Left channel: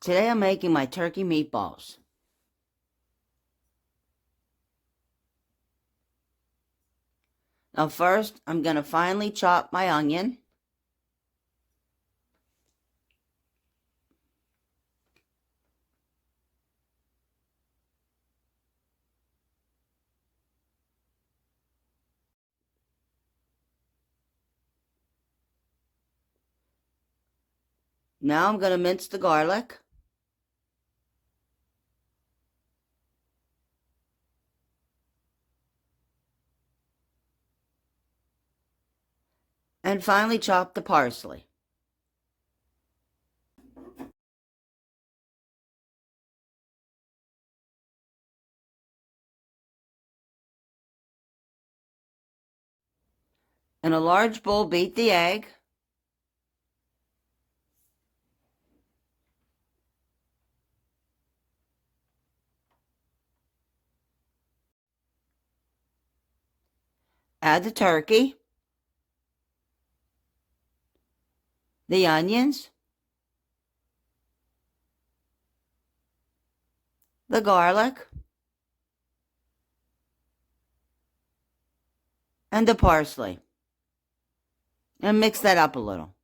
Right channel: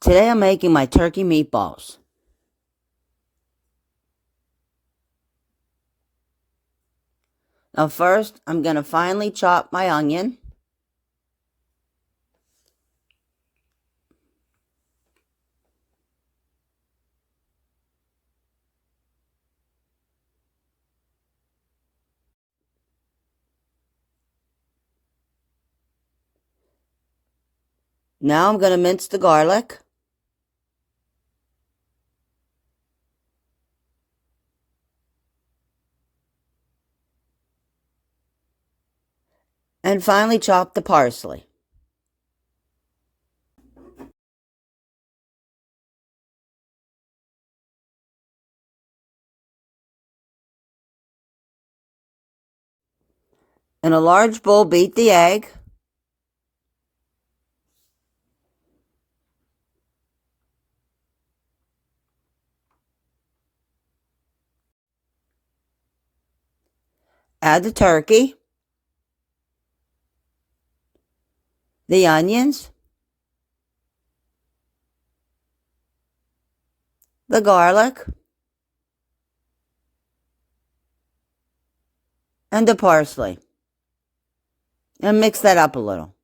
Today I'm making my turkey meatballs. Now first, I'm going to finely chop my onion. Now I'm going to mince the garlic. And finely chop the parsley. In a large bowl, beat the egg. Add the turkey, the onions, the garlic, and the parsley. And mix that up a little.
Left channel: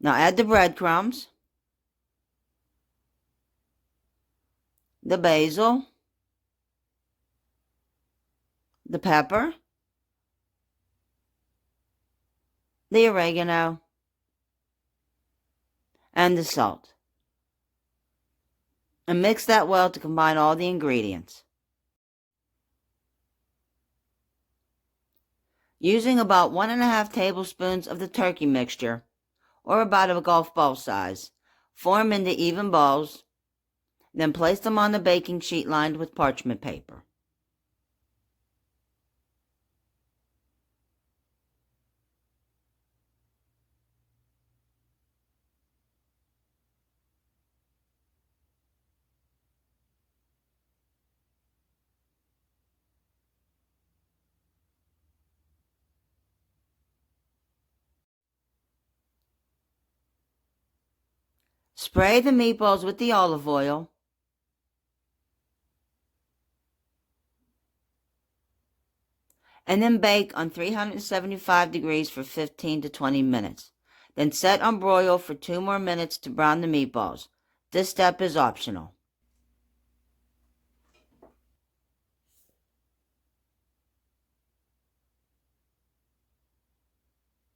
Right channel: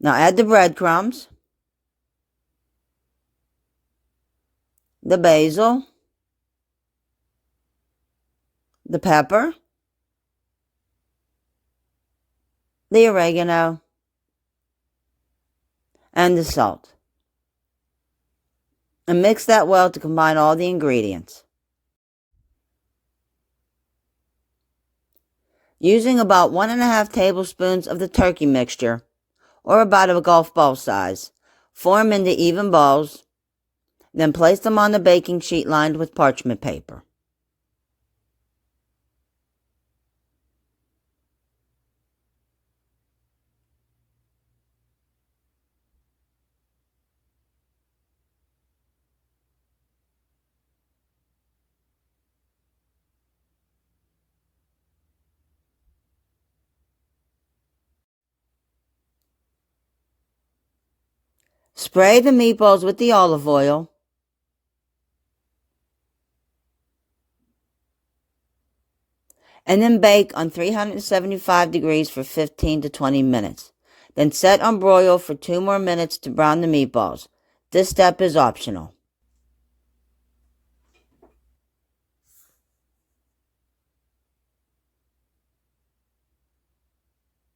Now add the breadcrumbs, the basil, the pepper, the oregano, and the salt. And mix that well to combine all the ingredients. Using about 1½ tablespoons of the turkey mixture, or about a golf ball size, form into even balls, then place them on the baking sheet lined with parchment paper. Spray the meatballs with the olive oil. And then bake on 375 degrees for 15 to 20 minutes. Then set on broil for 2 more minutes to brown the meatballs. This step is optional.